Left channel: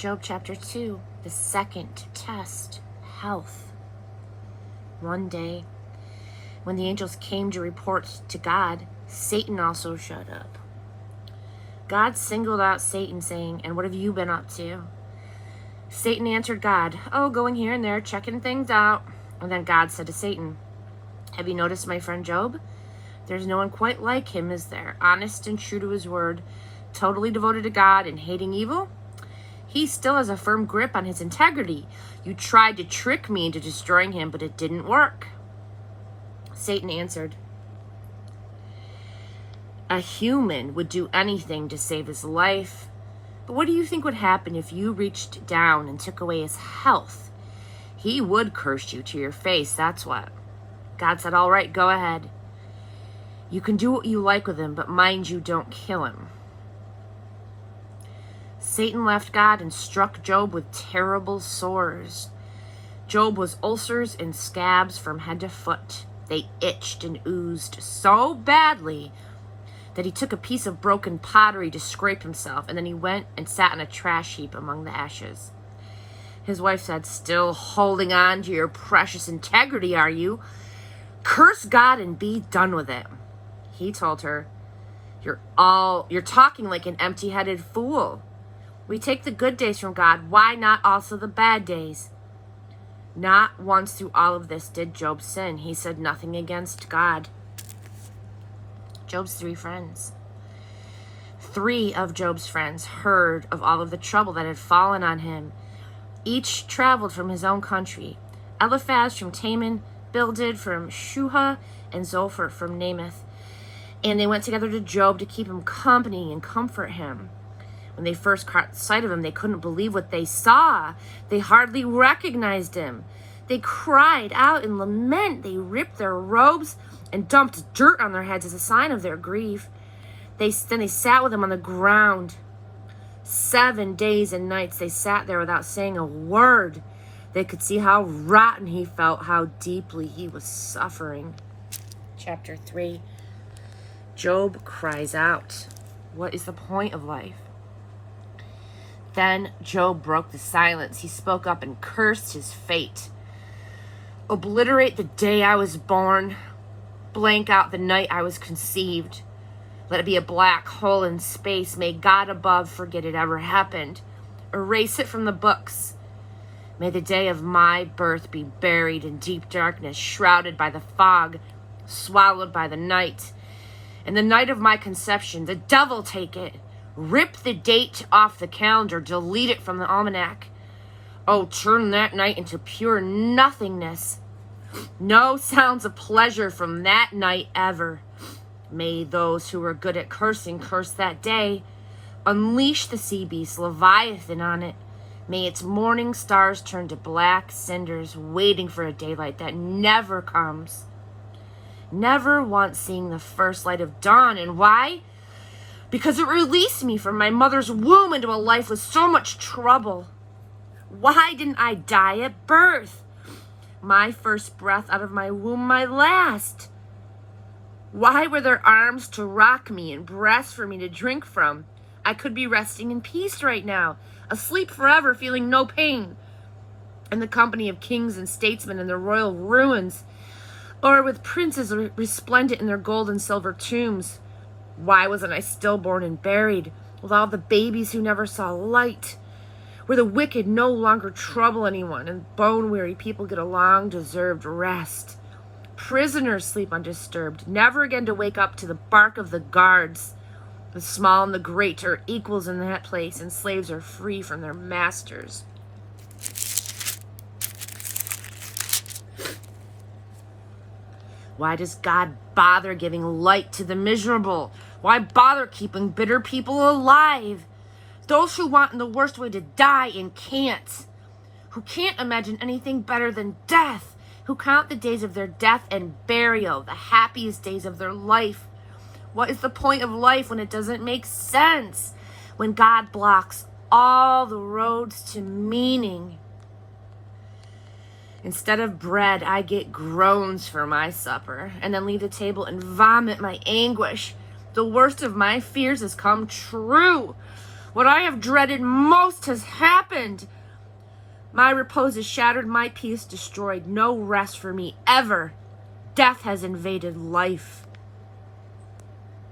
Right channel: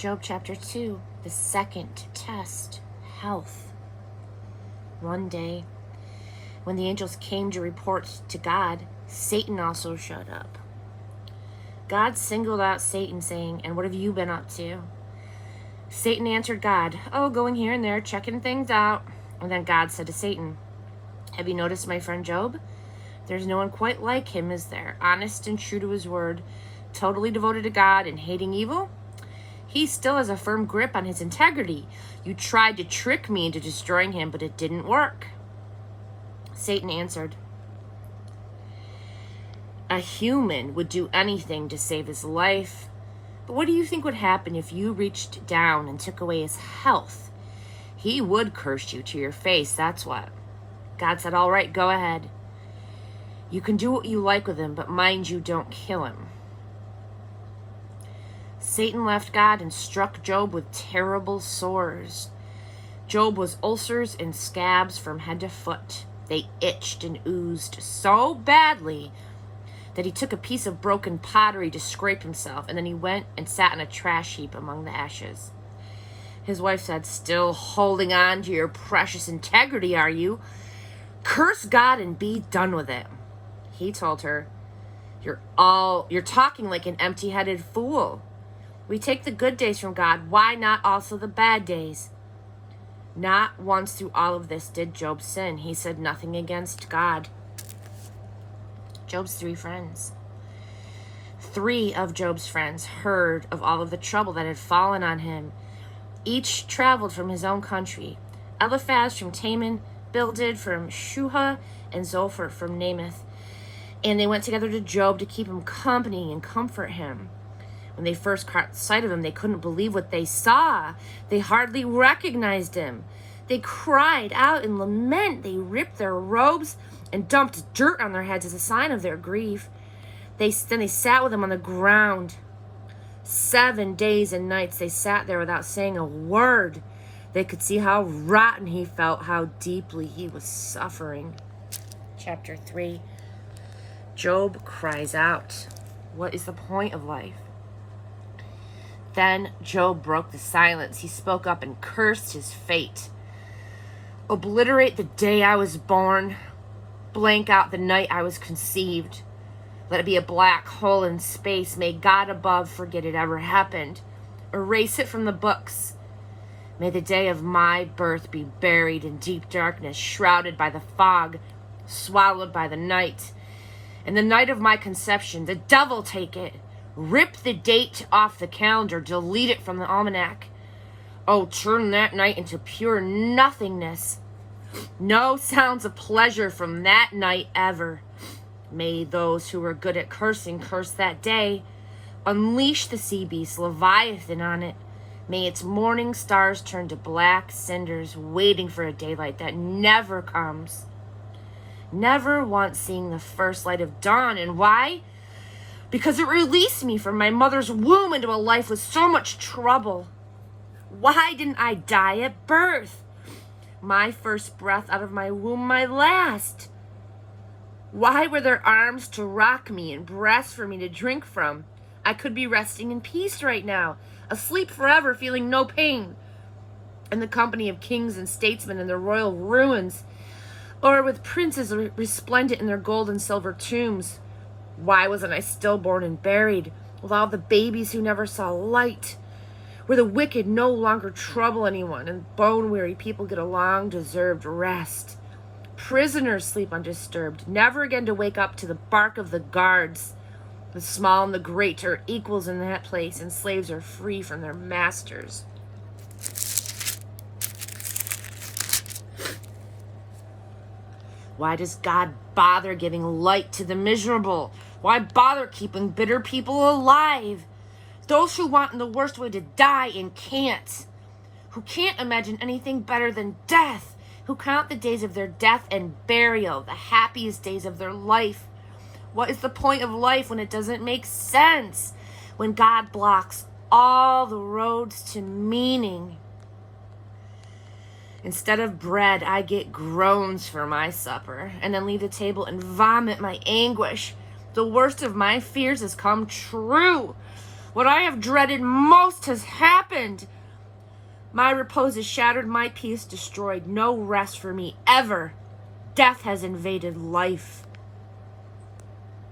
Job chapter 2, the second test, health. One day, when the angels came to report to God, Satan also showed up. God singled out Satan, saying, "And what have you been up to?" Satan answered God, "Oh, going here and there, checking things out." And then God said to Satan, "Have you noticed my friend Job? There's no one quite like him, is there? Honest and true to his word, totally devoted to God and hating evil. He still has a firm grip on his integrity. You tried to trick me into destroying him, but it didn't work." Satan answered, "A human would do anything to save his life. But what do you think would happen if you reached down and took away his health? He would curse you to your face, that's what." God said, "All right, go ahead. You can do what you like with him, but mind you, don't kill him." Satan left God and struck Job with terrible sores. Job was ulcers and scabs from head to foot. They itched and oozed so badly that he took a piece of broken pottery to scrape himself, and then he went and sat on a trash heap among the ashes. His wife said, "Still holding on to your precious integrity, are you? Curse God and be done with it." He told her, You're talking like an empty-headed fool. We take the good days from God. Why not also the bad days?" Not once through all of this did Job sin. He said nothing against God. Job's 3 friends. 3 of Job's friends heard of all of the trouble that had fallen on him. Each traveled from his own country. Eliphaz from Teman, Bildad from Shuhah, and Zophar from Namath. And they went together to Job to keep him company and comfort him. When they first caught sight of him, they couldn't believe what they saw. They hardly recognized him. They cried out in lament. They ripped their robes and dumped dirt on their heads as a sign of their grief. Then they sat with him on the ground. 7 days and nights they sat there without saying a word. They could see how rotten he felt, how deeply he was suffering. Chapter 3. Job cries out. What is the point of life? Then Job broke the silence. He spoke up and cursed his fate. "Obliterate the day I was born. Blank out the night I was conceived. Let it be a black hole in space. May God above forget it ever happened. Erase it from the books. May the day of my birth be buried in deep darkness, shrouded by the fog, swallowed by the night. And the night of my conception, the devil take it. Rip the date off the calendar, delete it from the almanac. Oh, turn that night into pure nothingness. No sounds of pleasure from that night ever. May those who were good at cursing curse that day. Unleash the sea beast, Leviathan, on it. May its morning stars turn to black cinders, waiting for a daylight that never comes. Never once seeing the first light of dawn. And why? Because it released me from my mother's womb into a life with so much trouble. Why didn't I die at birth? My first breath out of my womb, my last. Why were there arms to rock me and breasts for me to drink from? I could be resting in peace right now, asleep forever, feeling no pain, in the company of kings and statesmen in their royal ruins, or with princes resplendent in their gold and silver tombs. Why wasn't I stillborn and buried with all the babies who never saw light? Where the wicked no longer trouble anyone and bone-weary people get a long-deserved rest. Prisoners sleep undisturbed, never again to wake up to the bark of the guards. The small and the great are equals in that place, and slaves are free from their masters. Why does God bother giving light to the miserable? Why bother keeping bitter people alive? Those who want in the worst way to die and can't. Who can't imagine anything better than death. Who count the days of their death and burial, the happiest days of their life. What is the point of life when it doesn't make sense? When God blocks all the roads to meaning. Instead of bread, I get groans for my supper, and then leave the table and vomit my anguish. The worst of my fears has come true. What I have dreaded most has happened. My repose is shattered, my peace destroyed. No rest for me ever. Death has invaded life.